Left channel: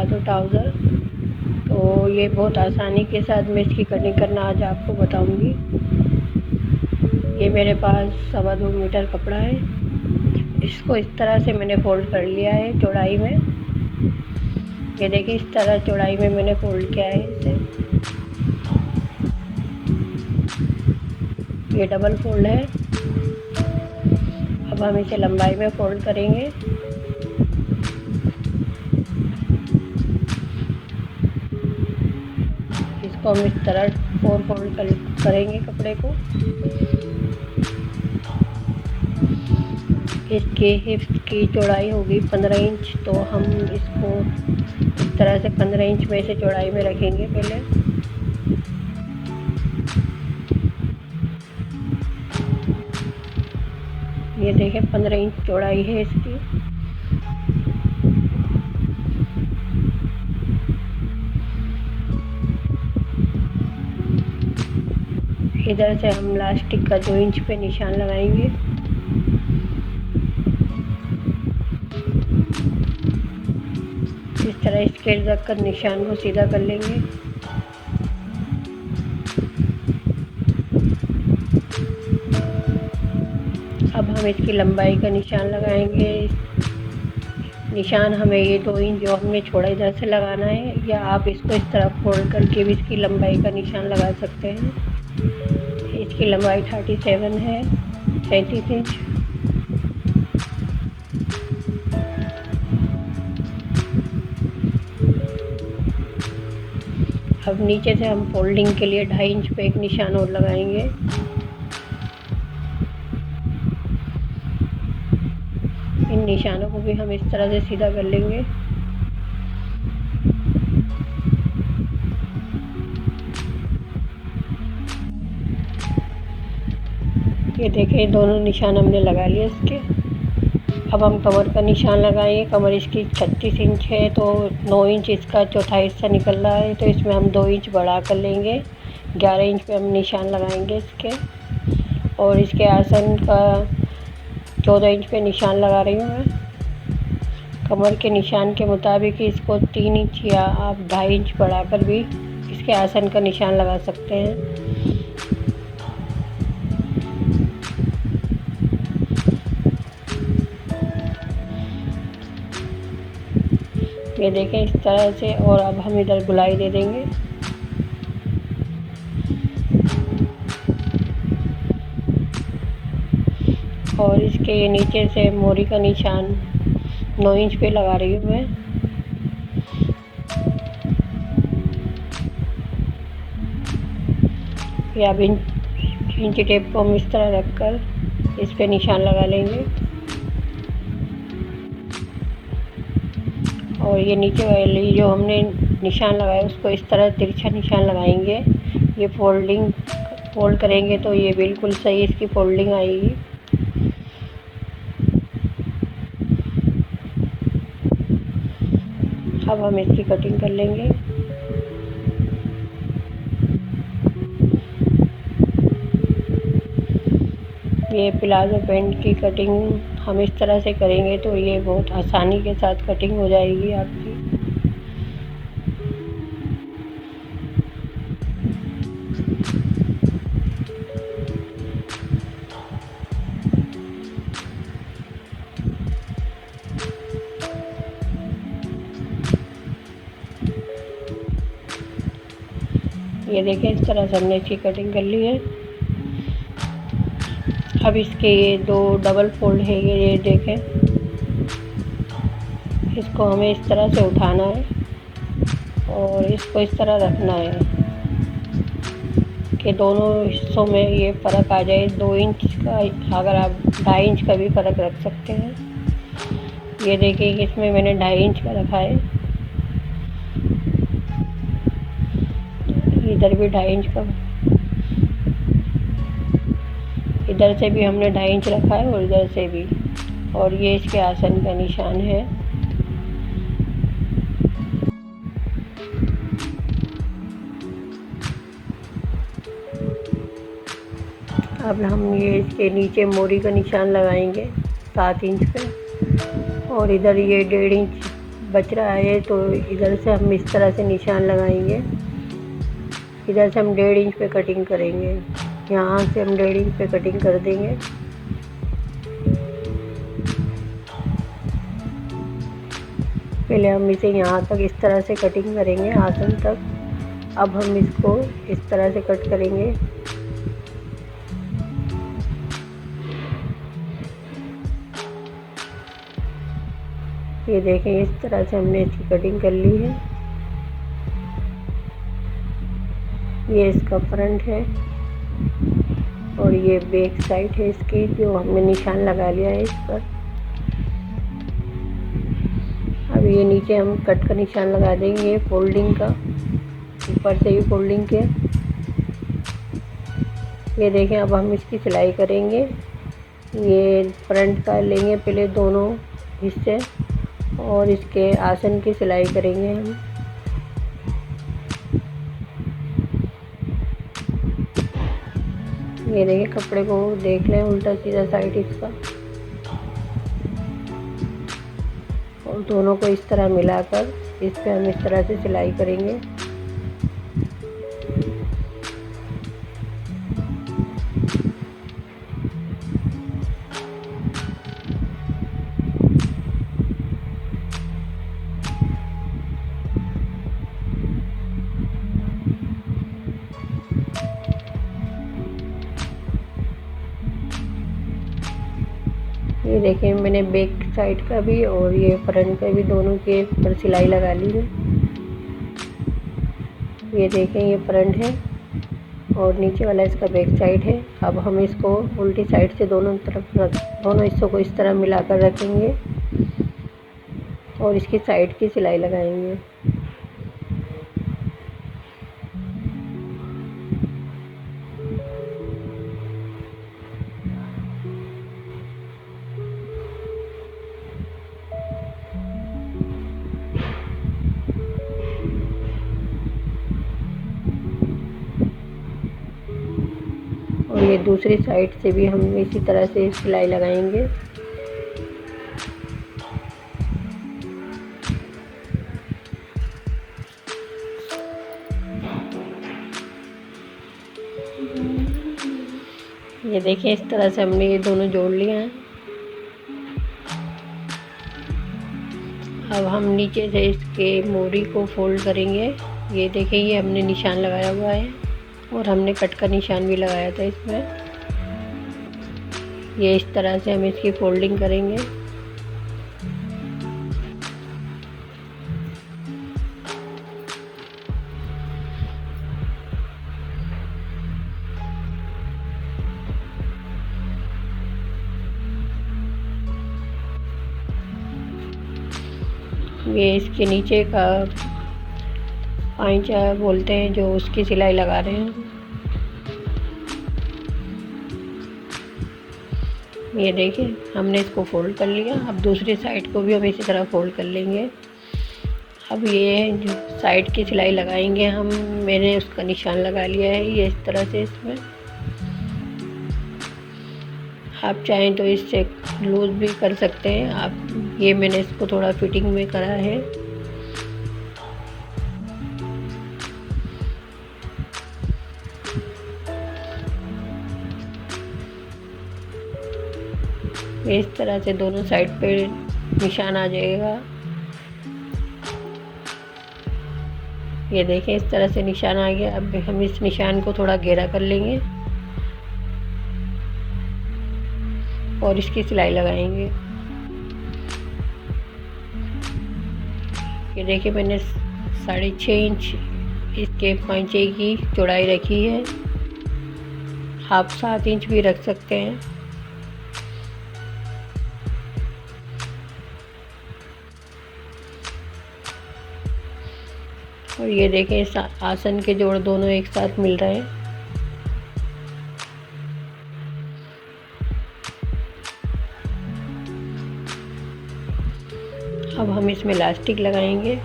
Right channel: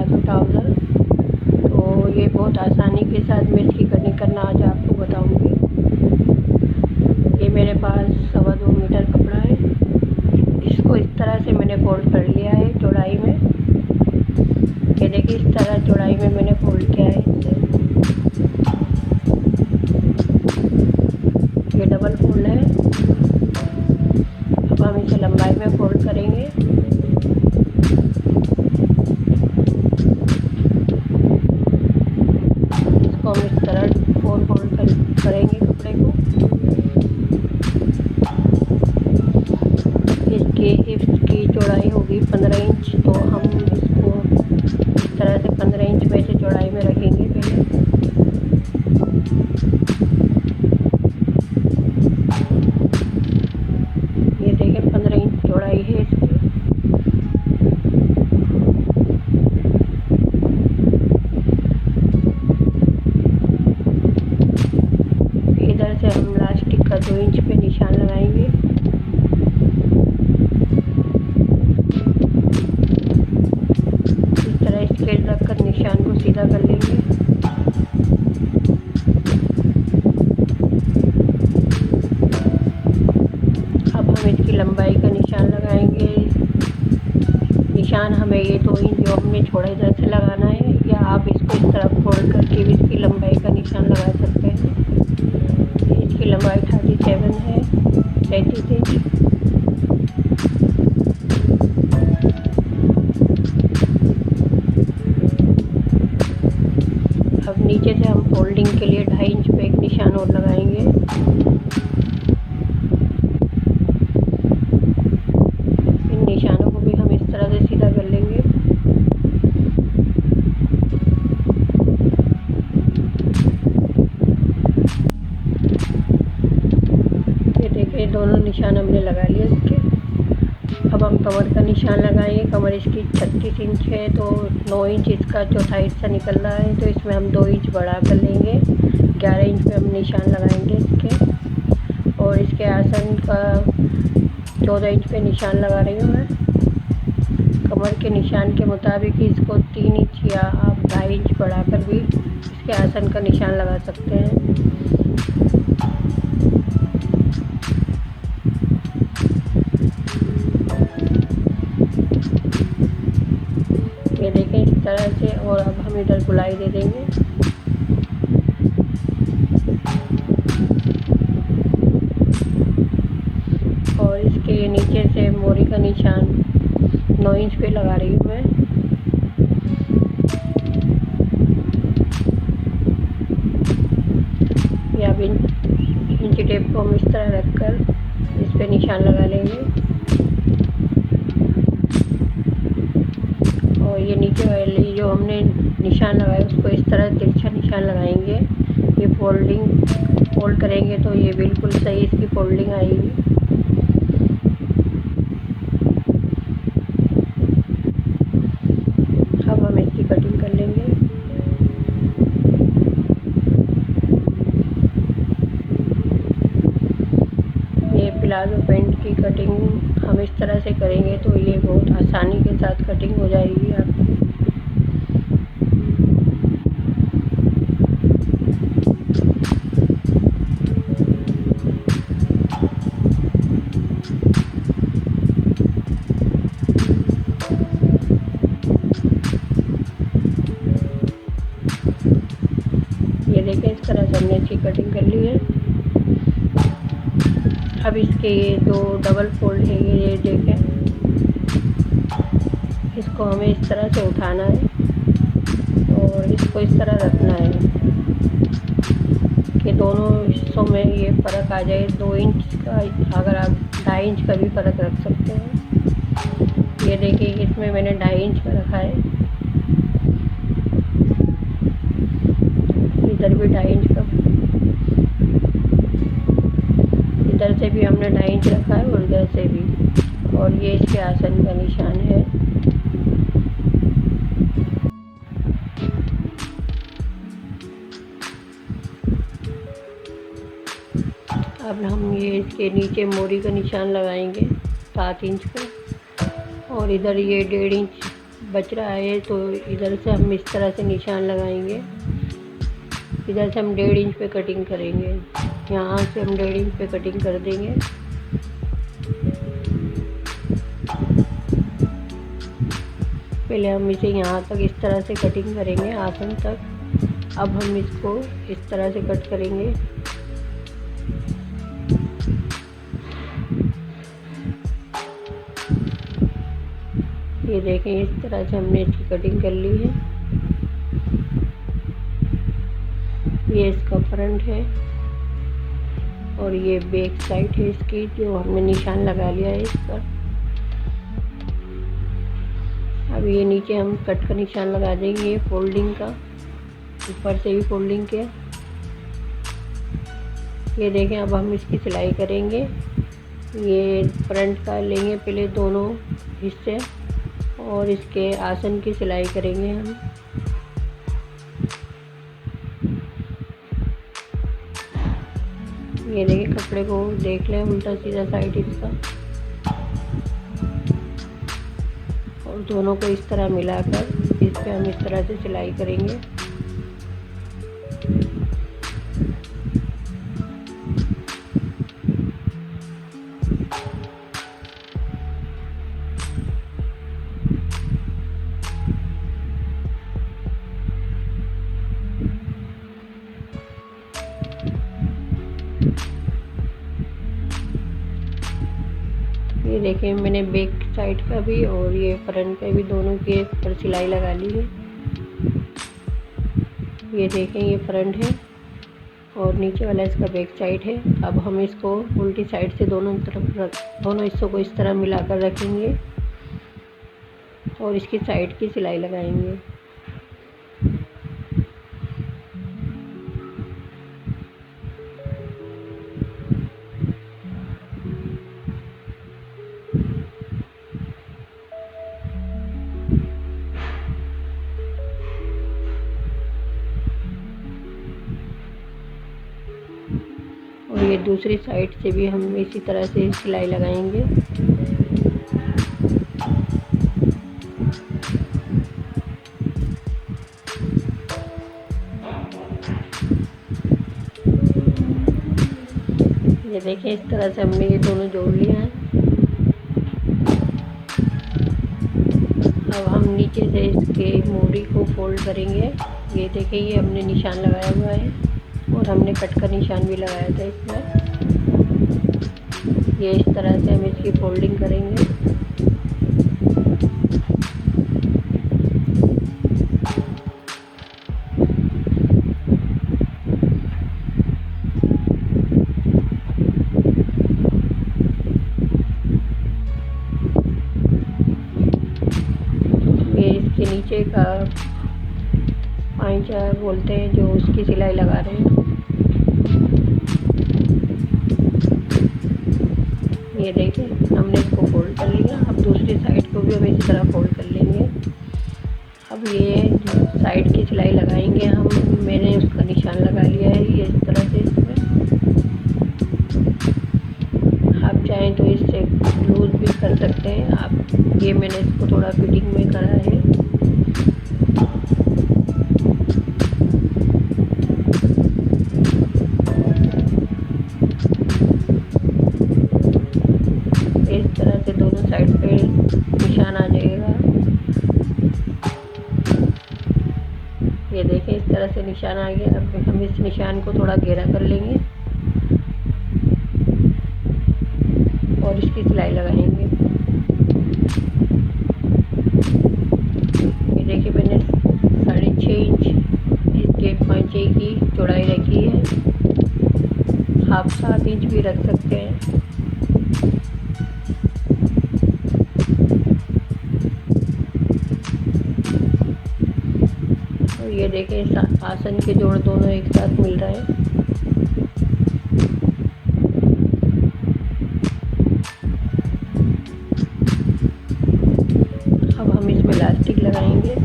Palazzo trouser. तो ये बहुत आसानी के साथ मैं इसकी कटिंग करना आज आपको बताऊंगी। ये मेरे पास 2.25 मीटर कपड़ा है। इसको इस तरह से मैंने फोल्ड कर लिया है चौड़ाई में। ये देखिए इस तरह चौड़ाई में मैंने फोल्ड किया है इसे। ये डबल फोल्ड है। अब हम इसे लंबाई में फोल्ड करेंगे। इसको हम इस तरह 4 फोल्ड करेंगे कपड़े को। इसकी हिप्स की चौड़ाई होगी 15 इंच, तो हम इसको इस तरह से 15 इंच में से चौड़ाई में रखेंगे पहले। ये देखें 15 इंच चौड़ाई है इसकी। इधर से हम लास्टिक का 2 इंच पे निशान लगाएंगे। इस तरह स्केल रखकर निशान को सीधा कर लेंगे। अब हम इसकी लंबाई का निशान लगाएंगे। निशान हमें ये 2 इंच जो हमने छोड़ा इधर से लगाना है, या आप इसको इस तरह फोल्ड करके भी इसकी लंबाई का निशान लगा सकते हैं। इसकी लंबाई 37 है, 37 इंच। अब नीचे से हम फोल्डिंग के लिए 2.5 इंच पे एक निशान और लगाएंगे। इन निशानों को भी हम इस तरह से सीधा कर लेंगे। ये देखिए दोनों निशान हमने लगा लिए इसके। अब हम कमर का निशान लगाएंगे। कमर इसकी 36 इंच है, तो 9 इंच इसका चौथा हिस्सा निकल रहा है, तो इसमें हम 2 इंच बढ़ा कर लेंगे। 11 इंच पे हम निशान लगाएंगे इसके। और इसके आसन का 14 इंच पे निशान लगा रही हूँ मैं। कमर के निशान के मुताबिक इसको 3 इंच या आप 2.5 इंच बढ़ाकर भी इसके आसन का निशान लगा सकते हैं। ये देखें इस तरह से। और अब हम इधर गुलाई दे देंगे। और इसके नीचे से मोरी का निशान 9 इंच पे लगा रही हूँ मैं। या इंची टेप को हम इस तरह रखकर इस पे निशान लगा लेंगे। और ये नीचे वाली जो हमने निशान लगाया उसको इस तरह तिरछा निशान लगाएंगे। ये फोल्ड करेंगे तो ये बिल्कुल सही इसकी फोल्डिंग आएगी। अब हम इसकी कटिंग कर लेंगे। ये प्लाजो पैंट की कटिंग हम इस तरह से करेंगे तो ये बहुत आसानी के साथ कटिंग हो जाएगी आपकी। ये देखें इस तरह से हमने इसकी कटिंग कर ली है। अब इसके ये 2 डबल फोल्ड है, ये देखें। इसको हमें इस तरह से उठाना है और इसको इस तरह रखना है कि दोनों हिस्सों में ये फ़र्क आ जाए। 2 इंच का, अगर आप 2.5 इंच का भी फ़र्क रख सकते हैं। ये देखिए इसमें मैंने 2.5 इंच का रखा है। इधर भी 2.5 इंच का, इधर से भी हमने 2.5 इंच रखा है और इधर से भी। और ये इसके आसन का निशान है। अब हम ये इसके नीचे मोरी का निशान लगाएंगे 7 इंच पे। और इधर ये 1.5 इंच बच रहा है तो इधर से हम इस तरह से निशान लगाएंगे। इधर से हम 1.5 इंच पे कटिंग करेंगे, यहाँ से हम 1.5 इंच पे कटिंग कर देंगे। पहले हम इसे यहाँ तक इस तरह से कटिंग करेंगे, आसन तक। अब हम इसको इस तरह से कट करेंगे। ये देखें, इस तरह से हमने इसकी कटिंग कर ली है। ये इसका फ्रंट है और ये बैक साइड है इसकी, जो हमने निशान लगा लिया है इस पर। अब ये नीचे हम कट का निशान लगा देंगे, फोल्डिंग का, ऊपर से भी फोल्डिंग के। ये देखें, अब हम इसकी सिलाई करेंगे। ये फ्रंट का लेंगे पहले दोनों हिस्से और इसके आसन की सिलाई करेंगे हम। ये देखिए, कपड़े को देख लें उल्टा सीधा साइड इसका, और दोनों को इस तरह मिलाकर इस पे हम इस तरह से सिलाई करेंगे। ये देखिए, मैंने बैक साइड का भी और ये फ्रंट का भी दोनों के पर सिलाई लगा ली है। ये देखें, ये फ्रंट है और नीचे वाला इसका बैक साइड है। अब हम इसको उल्टी साइड से दोनों हिस्सों को इस तरह मिलाकर रखेंगे और इसकी साइड की सिलाई लगाएंगे। और ये दूसरी साइड से भी हम इसी तरह से सिलाई लगाएंगे। ये देखिए, इस तरह से हमने ये दोनों जोड़ लिया है। अब हम नीचे से इसके मोरी को फोल्ड करेंगे। ये देखिए, ये हमने निशान लगाया हुआ है और हमने कट का निशान भी लगाया था इसमें। ये इस तरह से हम इसकी फोल्डिंग करेंगे। ये इसके नीचे का पाइचा बोलते हैं, जो उसकी सिलाई लगा रहे हैं। ये देखिए, हमने इसको फोल्ड कर लिया। अब दूसरी साइड को भी हम इसी तरह फोल्ड कर लेंगे। अब ये जो साइड की सिलाई लगाएंगे हम, मैंने उसका निशान लगा लिया है ये इस तरह से इसमें। आप चाहें तो इससे लूज़ भी कर सकते हैं आप। ये मैंने इसको थोड़ा फिटिंग में करा है। इस तरह से दोनों साइड पे निशान आ जाएगा। ये देखें, इस तरह से निशान आ गया। अब हम इस निशान को थोड़ा घेरा कर लेंगे और इसकी सिलाई लगाएंगे। ये देखिए, मैंने 6.5 इंच इसके पांचे की चौड़ाई रखी है। आप 7 इंच भी रख सकते हैं। और ये देखें, आसन के जोड़ दोनों एक साथ मिल रहे हैं। अब हम इसमें इलास्टिक लगाएंगे।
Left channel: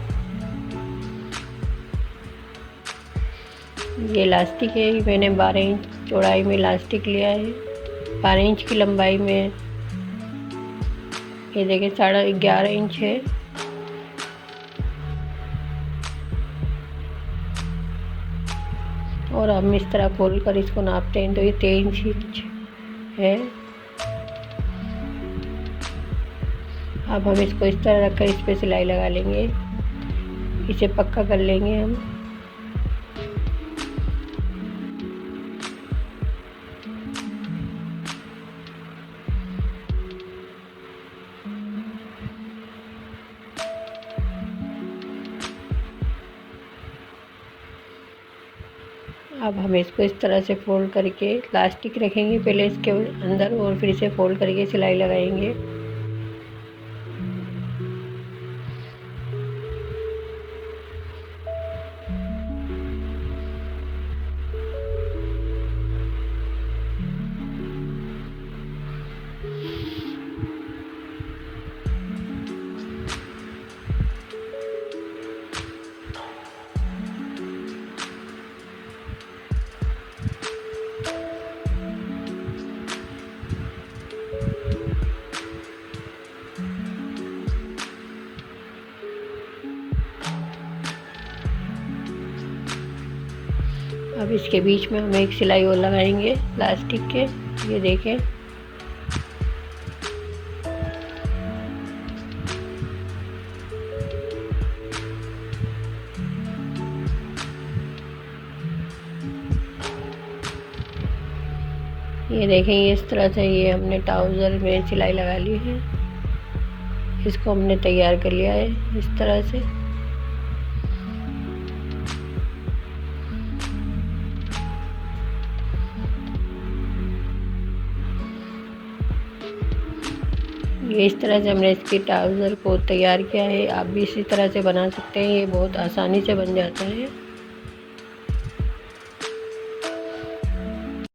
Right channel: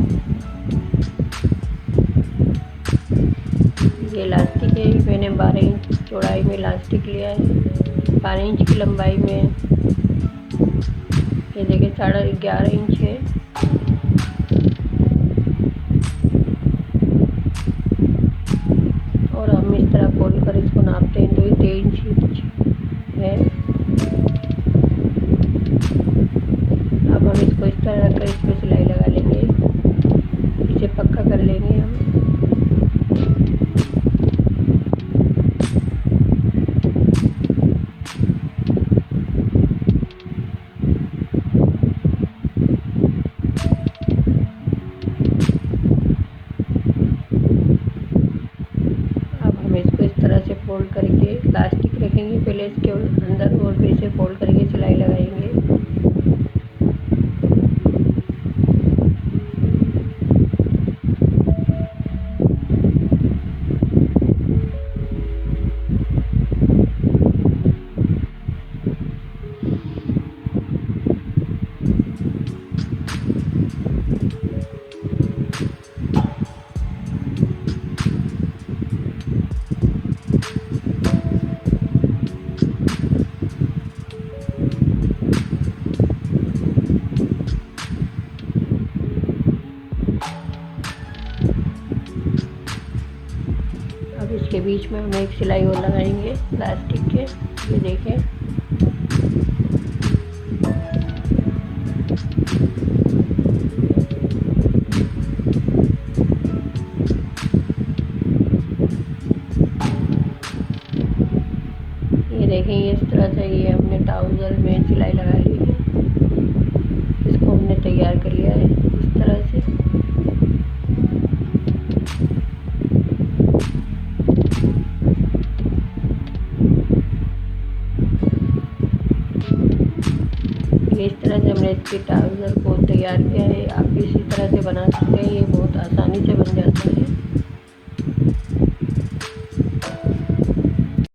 ये इलास्टिक है, मैंने 12 इंच चौड़ाई में इलास्टिक लिया है। 12 इंच की लंबाई में ये देखिए 11.5 इंच है। और हम इस तरह खोल कर इसको नापते हैं तो ये 3 इंच है। अब हम इसको इस तरह रखकर इस पर सिलाई लगा लेंगे, इसे पक्का कर लेंगे हम। अब हम इसको इस तरह से फोल्ड करके इलास्टिक रखेंगे पहले इसके अंदर, और फिर इसे फोल्ड करके सिलाई लगाएंगे। अब इसके बीच में हम एक सिलाई और लगाएंगे प्लास्टिक के, ये देखें। ये देखें, ये इस तरह से ये हमने ट्राउज़र में सिलाई लगा ली है। इसको हमने तैयार कर लिया है इस तरह से। ये इस तरह से हमने इसके ट्राउज़र को तैयार किया है। आप भी इसी तरह से बना सकते हैं, ये बहुत आसानी से बन जाता है।